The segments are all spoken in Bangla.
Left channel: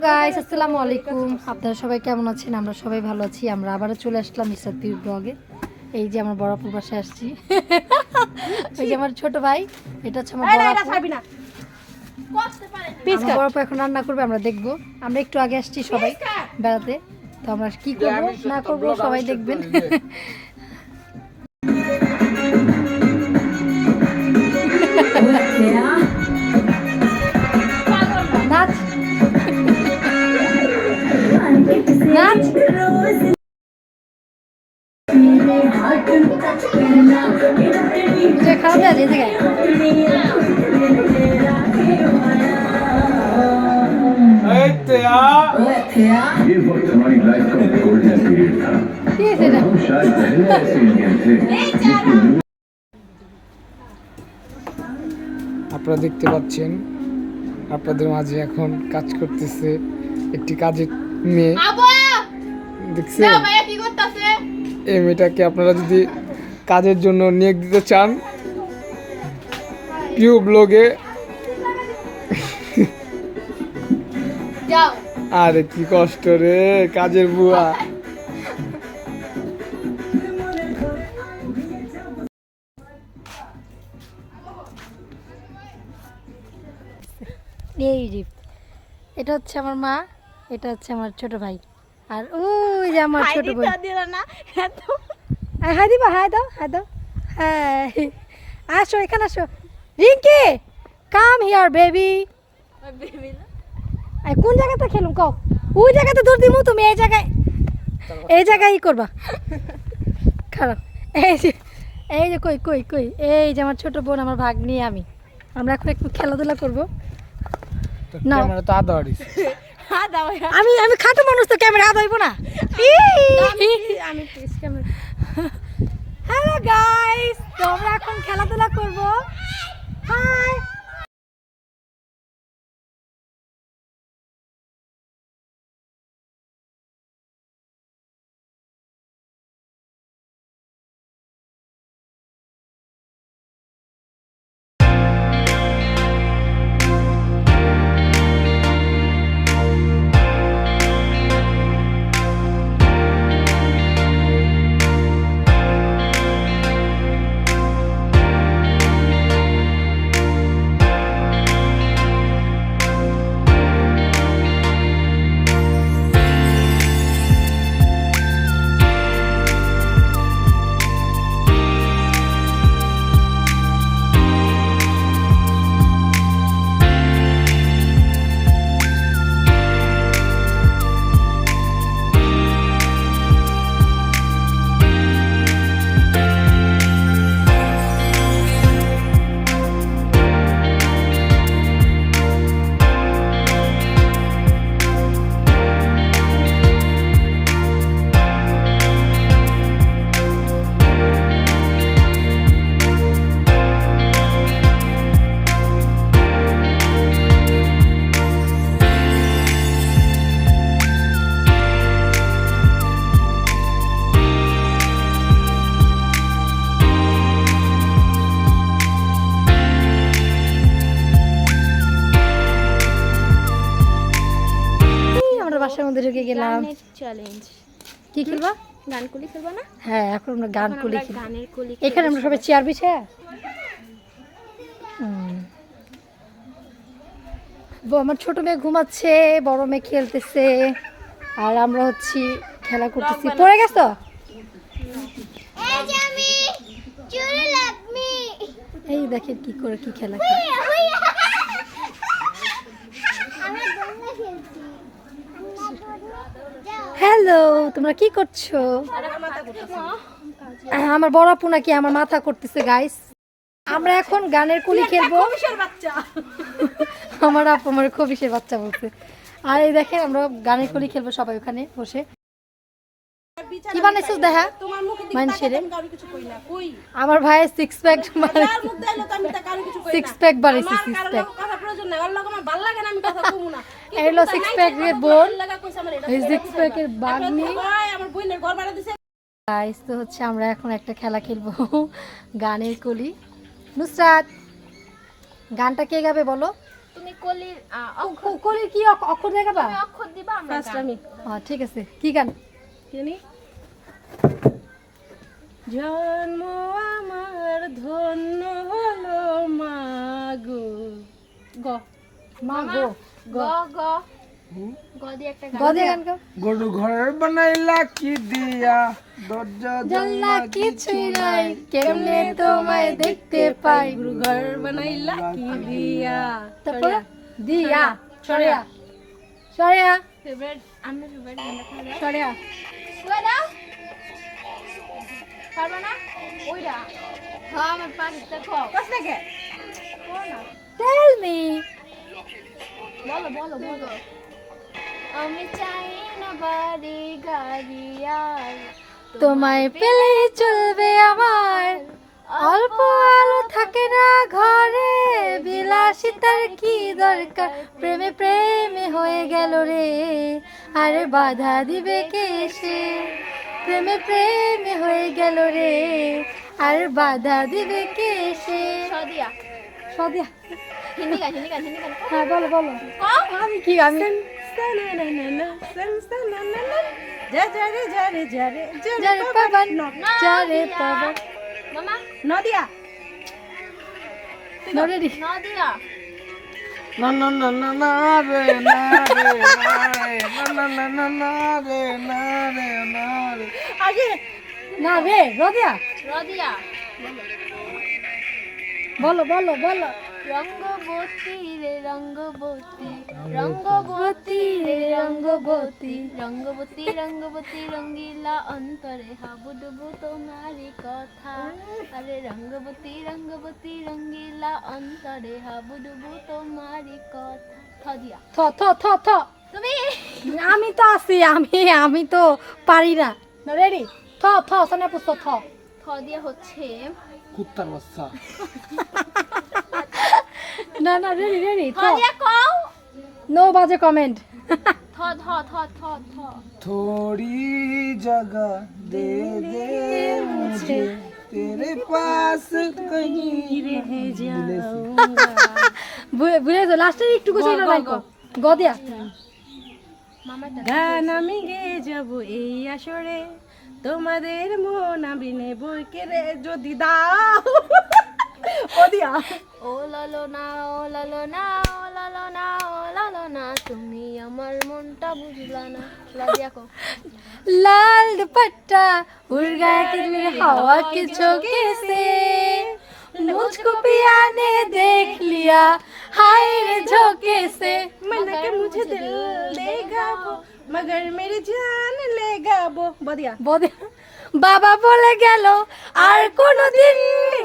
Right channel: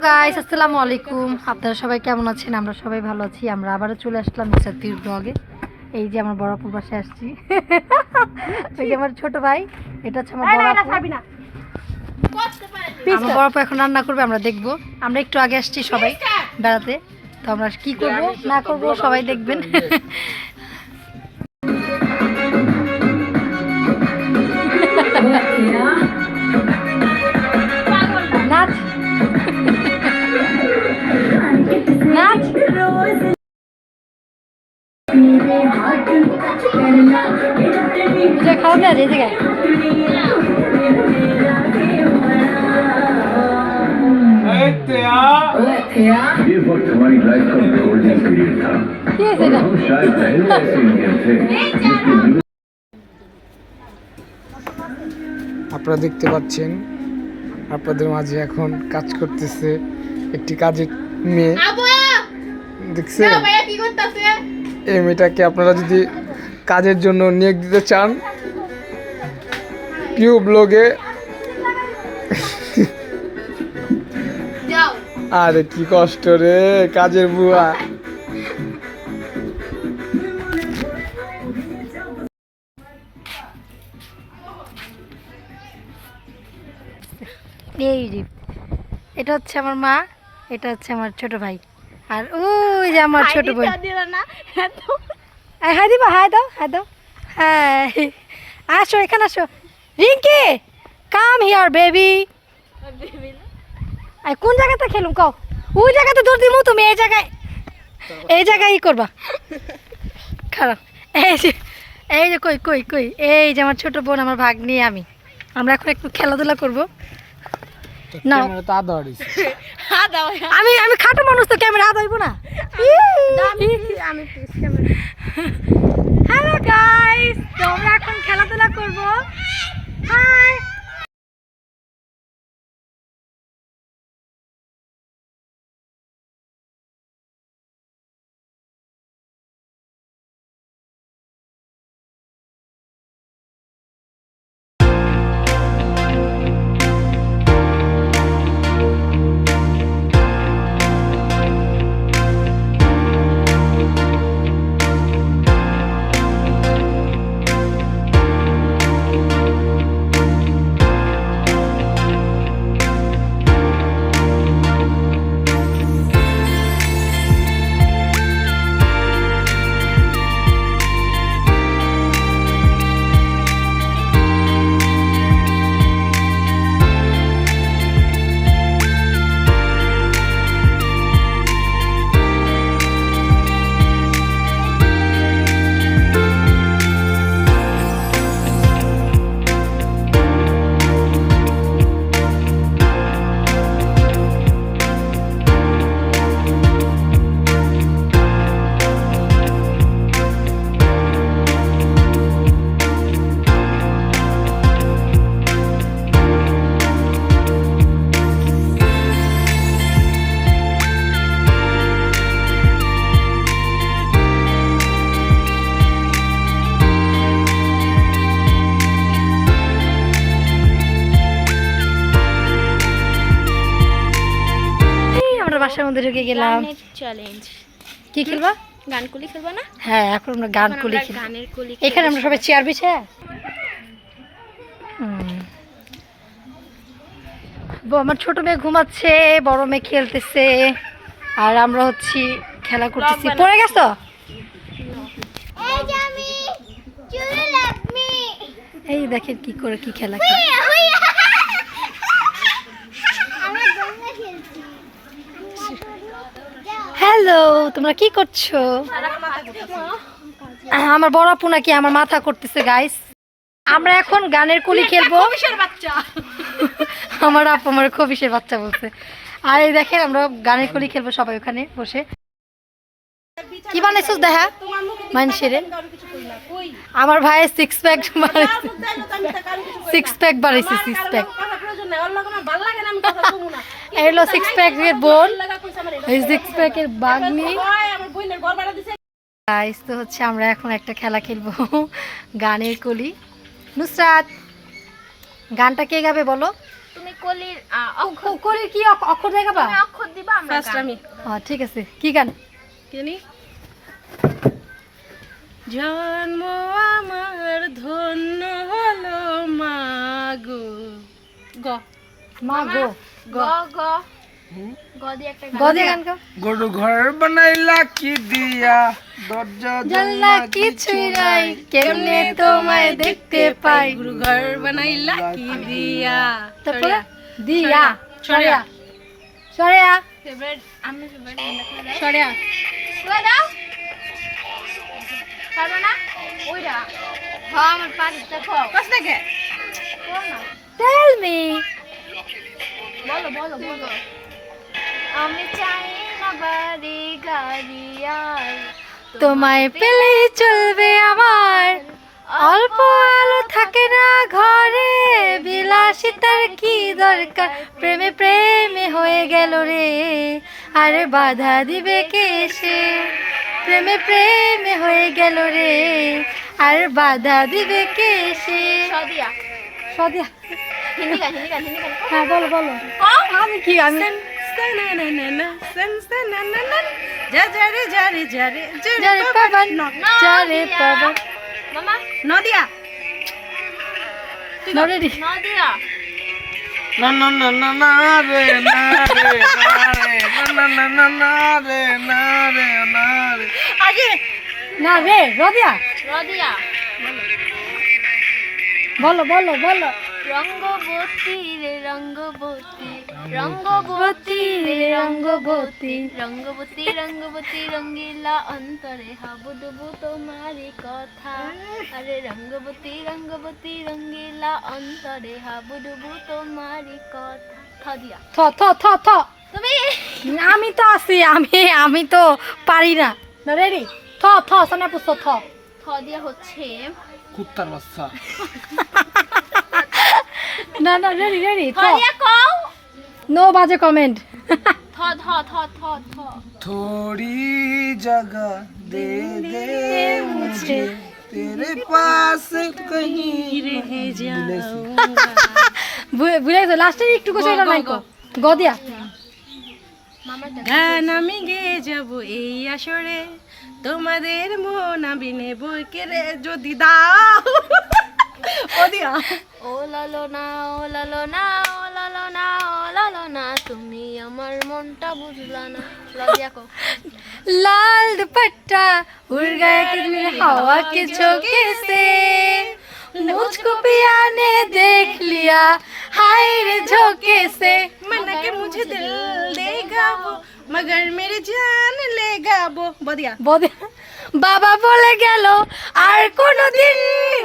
গাইস আসসালামু আলাইকুম। আপনারা সবাই কেমন আছেন? আমরা সবাই ভালো আছি। আমরা আবারও চলে আসলাম মিস্টার তির ব্লগে এই যে আমার বড় বড়াপুর পাশে আসছি। ওই যে আমার ছোট ভাই। এটা হচ্ছে আমার বড়াপু আমার বড়াপু এখন রান্না করবে আমরা দেখব। আমরা একটু আগে আসছি সবাই বেড়াতে। তো আমরা কি করব না করব সবাই দেখবেন। নাচ বুঝে খাওয়াবে আর এই জায়গায় ये वक्त हमारी लाइफ का गोल्डन पीरियड था কি হয়েছে এটা हम शायद पहले ऐसे इंडियन थे जिसके दिल আপনারা দেখতে পাচ্ছেন আপনাদের মাঝে এখন কাজ করতেছে একটি কাজের মেয়ে দেখছেন এই মেয়েটাকে আপনারা যদি কাজের জন্য নিয়োগ দিতে চান পিউ ব্লগে আরে কি কষ্ট রে কাজের বুয়া। এই যে এটা হচ্ছে আমার মা এটা হচ্ছে আমার ছোট ভাই। আর ওই যে আমার ছোট এই, হাই দিবা হাই দাও হাই দাও। হ্যাঁ আসো এখানে আসো। রিঙ্কি কাম হিয়ার বেবি কোন জায়গাতে খেলুম কও? ওই জায়গাতে দৌড় দিমু তুমি এই জায়গায়। এই জায়গায় ই করবা। খারাপ। এই যে এই যে কই কই কই? এই যে আমার ছোট বোন আমার ভাগ নিয়ে আমি। আমরা এখন একটু খেলাধুলা করব। নাও। ক্যামেরা তো আদা হারিস আমি আমি খাটো মানুষ তো ক্যামেরা হইব না। আমি হ্যালো গাইস তো আমরা এখন খেলাধুলা করব। হাই গেলাম। চ্যালেঞ্জ কি খেলবা? গান কুলি খেলবা না? হ্যাঁ এখন আমরা গান গানের কুলি এখানে আমরা সবাই চেয়ার বিছে? আমার ছোট মেয়ে ঘুমাচ্ছে বড় মেয়ে খেলতেছে আর আমরা হচ্ছি খেলা করতেছি। পড়ে গেছো? এই দেখেন কি করে কি খেলা খেলে। হ্যালো তোমরা কি করছ? আমার বড় আপু নাকি আমার মাথা করতেছে গাইস আমরা এখন গানের কুলি খেলব। আমার আপু আমার খবিসের বাচ্চা বলছে। আর এই দেখেন আমরা গানের কুলি খেলব সবাই ওখানে বসে। কি বানাইছিস দেখা মানুষের আমার ভাই সিক্স প্যাক সিক্স প্যাক বানাইছে সিক্স প্যাক হলো সিক্স প্যাকের বোন এই সিক্স প্যাকের বাগনি। গাইস তো হচ্ছে আমরা এখন একটা খেলা খেলব। গানের কলি। নুসরাত গানটা কে গাবে বলো? তুমি কলির অক্ষর ক- কলির কি অক্ষর দেখাবা? অক্ষর দিবা আমরা ফার্স্ট আমি। হ্যাঁ ঠিক আছে। কি গান? জানি জন্ম আমার ধন্য হলো মাগো। গ। মা গো গ গ। গ। দিয়ে একটা গান। গদি গরু ঘর বানাইলা কি দিয়া দরজা জানলা কিছুই নাই কেমনে তোমায় দেখতে পাই? গুরু ঘর বানাইলা কি দিয়া। তারপরে দিয়া সরিয়া সরিয়া ফেভারিট আমি ফেভারিট গান দেখা যায়। সরিয়া তুই দাও পারবে না? ওইটা। হ্যাঁ আমার পারি দেখো। কস দেখে। টেল মি বলো বলো বলো। আমি চাই না বাড়ি গাড়ি আর তোমায় পেলে চলবে আমার। অল্প আলো থাকে না ঘরে। বিলাসিতার কি দরকার? প্রেমে প্রেমে হয়ে গেল রে। আরে বাধা দিবে কে সে? প্রেমে প্রেমে হয়ে গেল রে। আর বাধা দিবে কে সে? সদিয়া। সদিয়া। হ্যাঁ বলো বলো আমি কি আমি যারে যারে যারে যারে পাবান যারে পাবান মামা নদিয়া নরেডি নদিয়া না না না না না রে না রে না রে না না না না না রে না রে না রে আগে না রে রদিয়া রদিয়া বলো বলো বলো রঙ্গবতী রে রঙ্গবতী রঙ্গবতী। রে রঙ্গবতী রঙ্গবতী রঙ্গবতী রঙ্গিলা অন্তরে হাবুডুবু তোমারই কথা। আরে রঙ্গবতী রঙ্গবতী রঙ্গিলা অন্তরে হাবুডুবু তোমারই কথা। থদিয়া থ থ থ থ। তুমি? আমি তো আছি আমি আমি তো পারি না। না রেডি থ থ সামনে পুস্ত থ। থদিয়া হচ্ছে কুত্তার বাচ্চা। না না রেডি রেডি থ থদিয়া কও নো বাজে কমেন্ট থ থ থ থ থ थोड़ी जगह दे दे मुझे तेरे पास कहीं रह ভুলে গেছো লাস্টে একটু কিছু এটা নাই গদিয়া মামা গান আমি গেয়ে যাব এই আসরে তোমাদের মন আমি নেব কেড়ে যদি দাও ও দিয়া ও লালো না ও লালো না ও লালো না ও লালো না তুমি আমার মনটা বুঝলা না লজিয়া কো लाल दुपट्टा उड़ गया कि मेरे हवा के झोंके से मुझको पिया ने देख लिया हाय रे झोंके से मन के मुझे दिल देगा वो मगर मेरी जान लेगा वो বদিয়া বদে বাবা বলে গেল আর কোনোদিন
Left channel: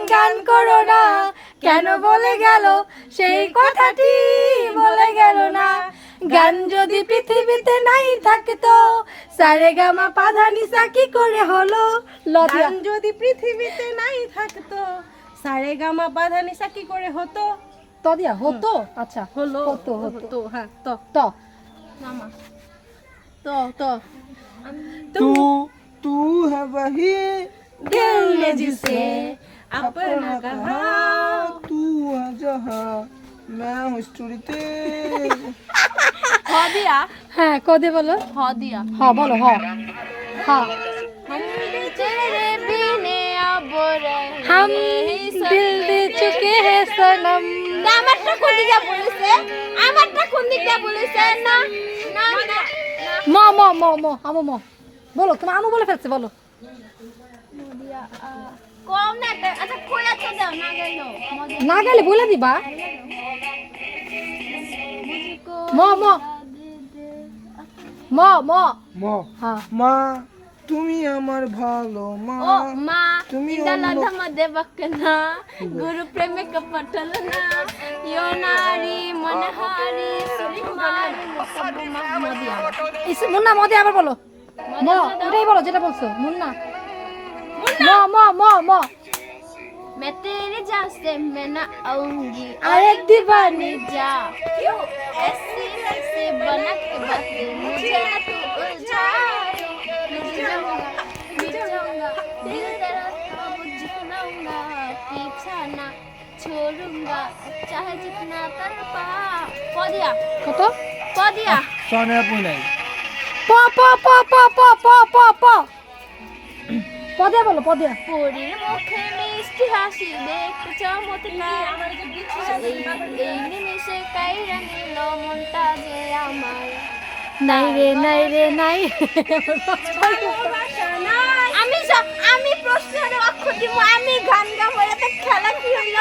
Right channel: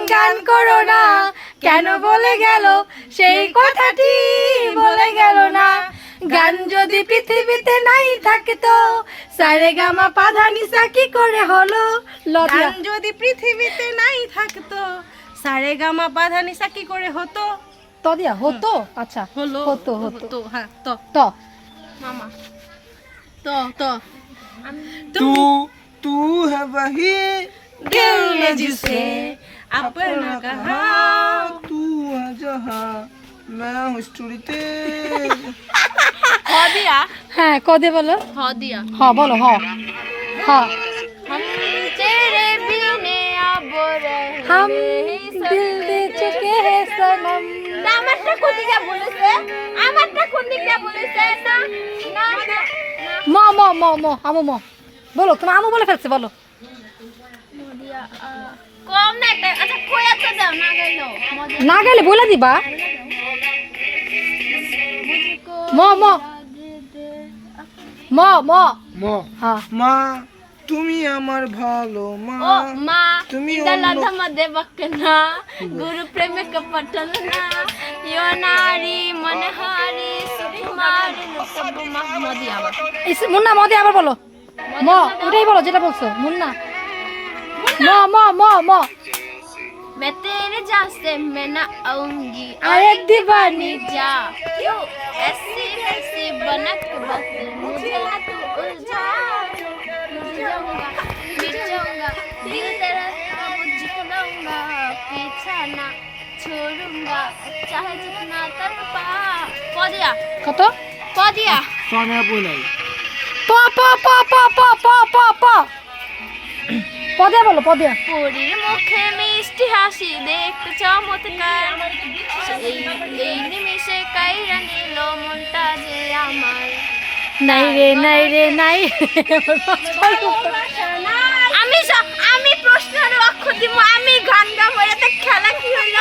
গান করো না। কেন বলে গেল? সেই কথাটি বলে গেল না। গান যদি পৃথিবীতে নাই থাকতো সারে গামা পাধা নিসা কি করে হলো? গান যদি পৃথিবীতে নাই থাকতো সারে গামা বাধা নিশা কি করে হতো? তদিয়া হতো? আচ্ছা হলো হতো হতো। তো হ্যাঁ তো। তো। মামা। তো তো। तू तू है वही दिल में जिसे अपना कहा तू है जहाँ मैं हूँ स्टोरी হদিয়া হ্যাঁ কদে বলো হদিয়া হ বলো হ হ हम तेरे बिने अब रह हम दिल दे चुके हैं सनम আমারটা কোন দিকে বলেছে আমারটা কোন দিকে বলেছে না না ম ম ম ম আমু ম বলো তোমার আমু বলে ফেলছে বলো। মদিয়া কম না একটা আচ্ছা কই আছো দাও না গেলো না গেলে বলে দিবা। ম ম। ম ম। ম। হ্যাঁ। মা তুমি আমার ভালো মা। মা তুমি ইদালা অন্য- দেবকনা গুরু ইয়ো নারী মনহারি সুকুমারী সব মদিয়া ইস মুন্না মদে আবার বলো। ম ওটাই বলো যেটা বলছো মুন্না ম ম ম ম मैं तेरे जान से मैं ना आऊंगी अरे दीवानी जा क्यों ऐसे ऐसे बनक बक मुझे तू उलझा मिट जाऊंगा मिट जाऊंगा दिल तेरा अब झुलाऊंगा पीछा ना छोड़ूंगा चाहे जितना तड़पा पौधिया কত पौधिया সনে আপু নাই প প প প প প প প। পদে বলো পদে। পরীর মুখে মিষ্টি হাসি দেখতে চমৎকার। এই নিমিষে কাইরা নিল মনটা যে আমার। নাই রে নাই রে নাই। আমি আমি প্রশ্নের অক্ষর দিব আমি গান গাবো এতে খেলা কি হইল?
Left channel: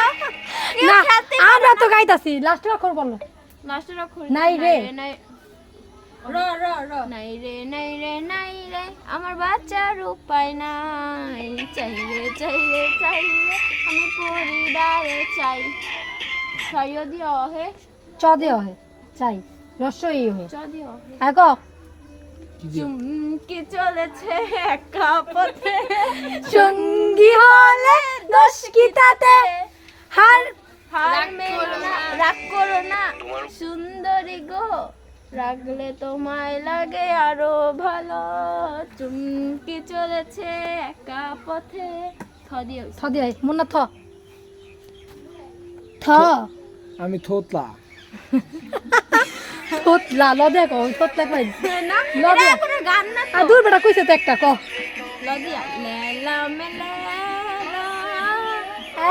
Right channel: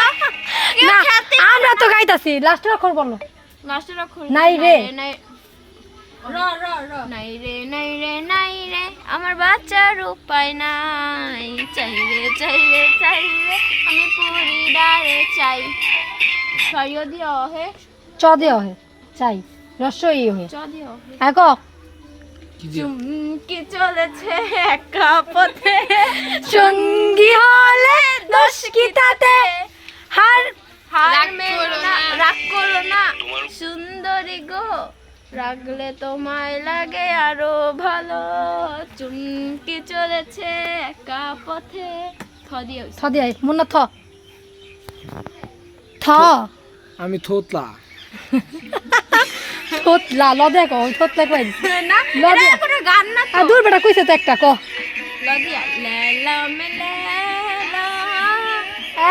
না আমরা তো গাইতাছি লাস্ট অক্ষর বলো। লাস্টের অক্ষর নাই রে। নাই র র র। নাই রে নাই রে নাই রে আমার বাচ্চার উপায় নাই। চাই রে চাই রে চাই রে আমি পরিবারে চাই। সরিয়ে দিও হে চ দেওয়া হয় চাই। রস্যই হয়ে চ দিও আগ কি? চলেছে একা পথে। সঙ্গী হলে দোষ কি তাতে? হার হার মেনো না রাগ করো না। সুন্দরী গো। রাগলে তোমায় লাগে আরো ভালো চুমকি চলেছে একা পথে থ দিয়ে থ দিয়ে মুন্না থ থ আমি থোতলা থোতলা ল দেখো থোতলা কই না ল এটা দিয়া কোনো গান না আ দূর বেটা কইছে তো একটা ক লদিয়া লেলা মে লেলা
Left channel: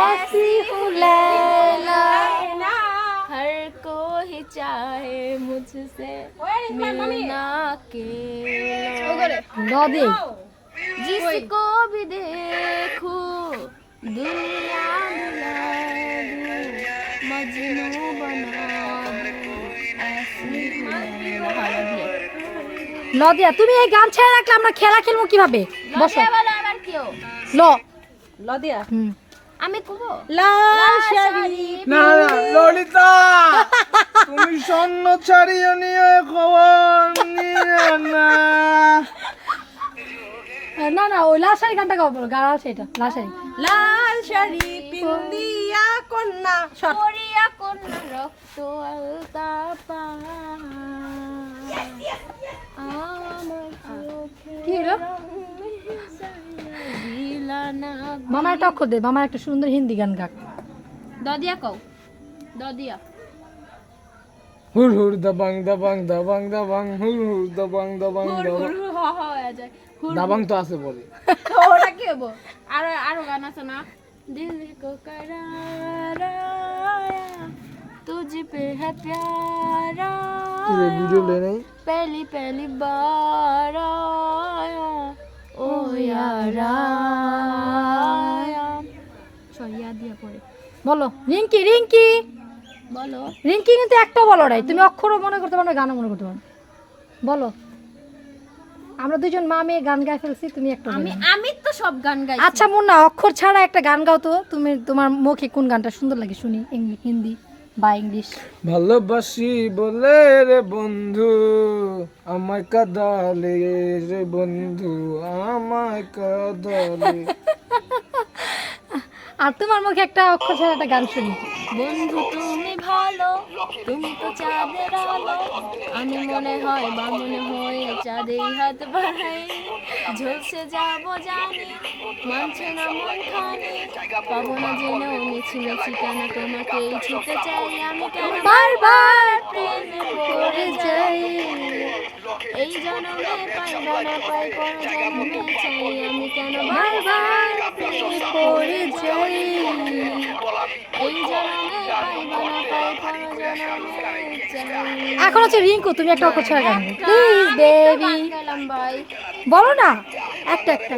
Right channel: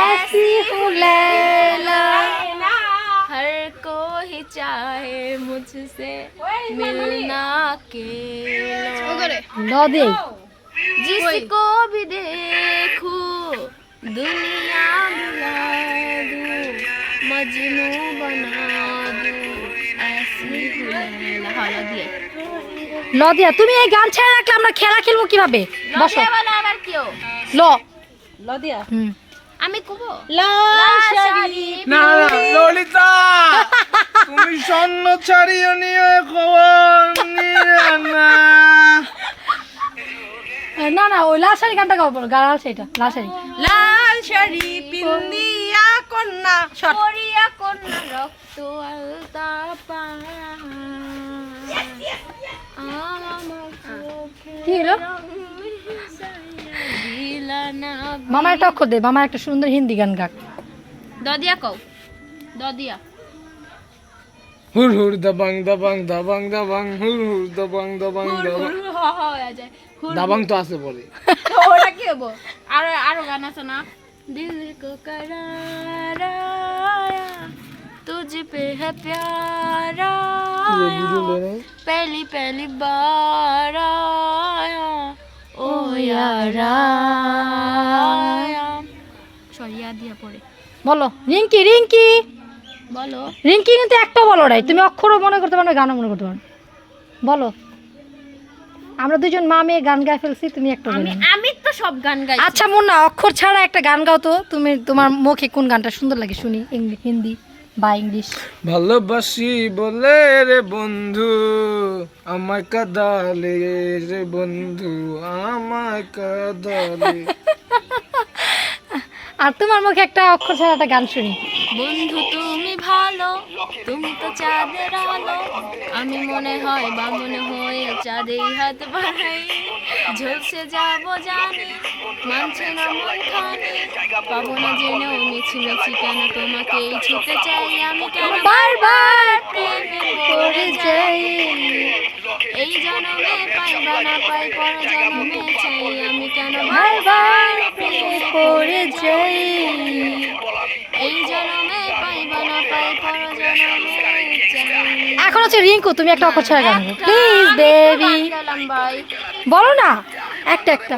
ऐसी हूँ लैला हर कोई चाहे मुझसे मिलना के ল দে जिसको भी देखूं दुनिया बुला दूं मजनू बना दूं ऐसी हूँ लैला हलो দিয়ে ল দিয়া তুমি এই গান ছেড়ে রাখলে আমরা খেলা খেলবো কিভাবে বসো লদিয়া বলো আবার কেউ ল লদিয়া হুম আমি কুবো লাল শাড়ি না না ললিতা তুমি স্বর্ণ ছাড়িয়ে নিয়ে খবর নিয়ে না না না ওই লাল শাড়ি গানটা গাও বলো লাল শাড়িটা লাল শাড়ি। লাল শাড়ি পিন্দিয়া কন্যা পরিয়া কন্যা রক্ত আলতা পা আমার চোখে কি হলো? দিলা না মামা একটা অক্ষর দে মামা একটা সুন্দর হিন্দি গান গাক দদিয়া কও দদিয়া হুর হুর দাবাং দাবাং দাবাং দাবাং হুর হুর দাবাং দাবাং দাবাং হ হ হয়ে যায় দাবাং তো আছে পরে ওটা কি হবো আরো আরো গান আছে না দিল কো करारा तुझ पे है प्यारा पहली पहली बार आया ও সরি বলো রিঙ্কি রিঙ্কি। বলো। রিঙ্কি কিন্তু একটা বলো রাই তুমি অক্ষরও মনে করতে পারো গানও মনে করতে পারো বলো। আমরা দুজন মা মেয়ে গান গাই ফেলছি তুমি একটা আমি আমি তো সব গান গাই আচ্ছা মুন্না অক্ষর ছাড়া একটা গান গাও তো। তুমি তোমার মুখে কোন গানটা সুন্দর লাগে শুনি হিন্দি। বা ইংলিশ। ভালোবাসি বলে রে বন্ধু আমায় কাদালে রে বন্ধু আমায় কাদালে। আর তোমার মুখে একটা অক্ষর ছাড়া একটা গান শুনি। বন্ধু তুমি ভালো, তুমি তো চাঁদের আলো। আমি মনে হয় বা মনে হয়ে চাঁদেই হাত বাড়াই। ঝলসে যাব জানি, মানছে না মন খানি। পাবো না জেনেও মিছি মিছি কেন তোমাকেই ছুতে চাই আমি কেন? বারবার প্রেমে পড়ে যাই। এই জন্মে পাই বা না পাই পর জন্মে চাই আমি কেন? বারবার এখন হচ্ছে রিঙ্কু তুমি একটা অক্ষর ছাড়া গান প্লিজ বেবি বলো না একটা একটা।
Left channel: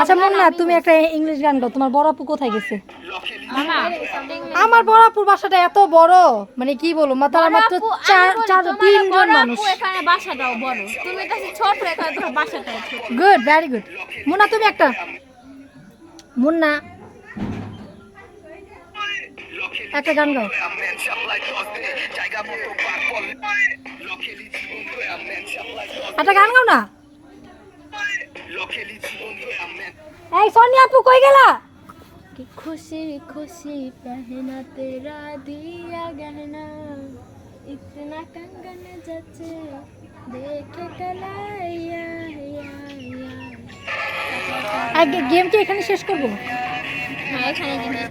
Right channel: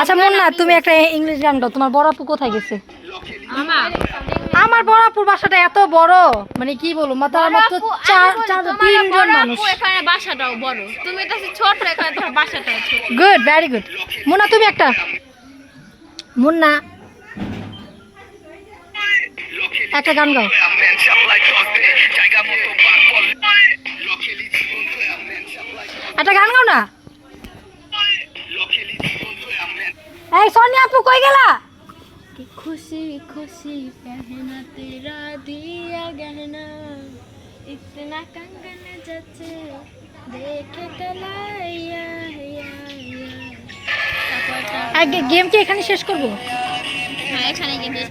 আচ্ছা মুন্না তুমি একটা ইংলিশ গান গাও। তোমার বড় আপু কোথায় গেছে? আমার? আমার বড়াপুর বাসাটা এত বড়। মানে কি বলব মা তারা মাত্র চার চার তিনজন মানুষ। এখানে বাসাটাও বড়। তুমি তো ছোট এখানে তোমার বাসাটাও ছোট। গুড ভেরি গুড মুন্না তুমি একটা। মুন্না একটা গান গাও। একটা গান গাও না। এই সোনিয়া আপু কই গেলা? খুশি খুশি পেহনা তেরা দিয়া গহনা। ইতনা কঙ্গন যাচ্ছে দেখে কলাইয়া গেম কি এখানে শেষ করব?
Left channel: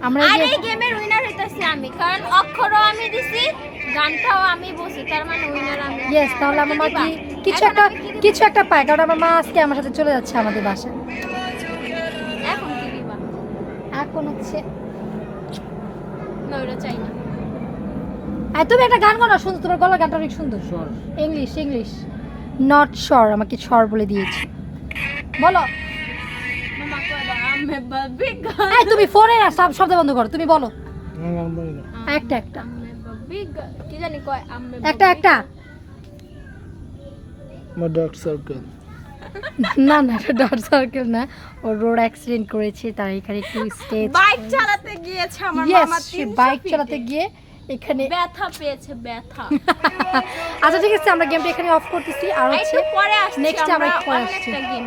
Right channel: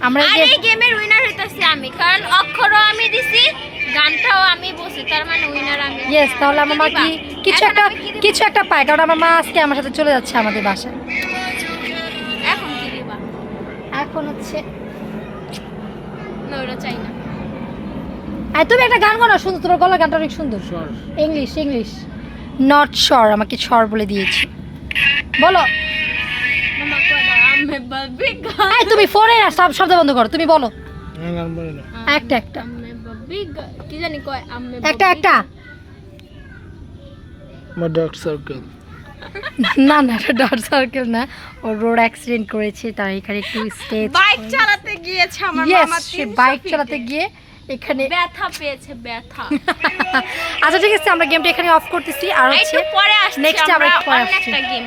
আমরা এই গেমের উইনার হইতাছি আমি কারণ অক্ষরও আমি দিছি গানটাও আমি বসি তার মানে উইনার আমি। ইয়েস তাহলে আমার মা কি কিছু একটা? কিছু একটা পায় কারণ আমার মা আজকে আমার সাথে চলে যাচ্ছে আমাদের বাসায়। এখন কি দিবা? এখন হচ্ছে না ওটা চাই না। আর তুমি একটা গান গাও না সুন্দর তোর গলার গানটা অনেক সুন্দর। ইংলিশ ইংলিশ নট শর আমাকে শর বলে দিয়েছে। বলো। তুমি ফোনে সব শব্দ বন্ধ করো তুমি বলো। একটা একটা। কি জানি কয় একটা একটা। আমার ডার্ক সার্কেল। না না এটা ডট সার্কেল না। ও রোড অ্যাক্সিডেন্ট করেছে তার এখানে একটু স্টেজ বাইক চালাতে গিয়েছে আমার মামা সে বাইক চালাতে গিয়ে এখানে ব্যথা পেয়েছে ব্যথা। আচ্ছা ঠিক আছে আমরা গেমটা এখানে অফ করতেছি। আর হচ্ছে একটু পরে আসছি next আমরা একটু পরে আসছি। গেম